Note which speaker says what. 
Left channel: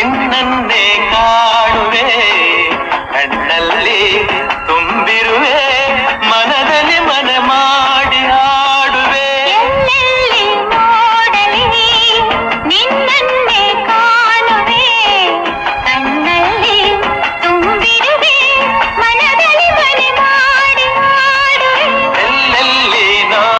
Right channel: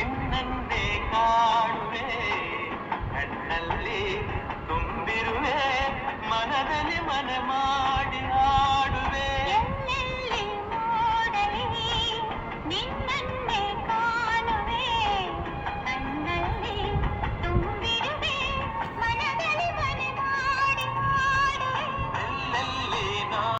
Speaker 1: നിന്നെ കാണുവേ കണ്ണല്ലേ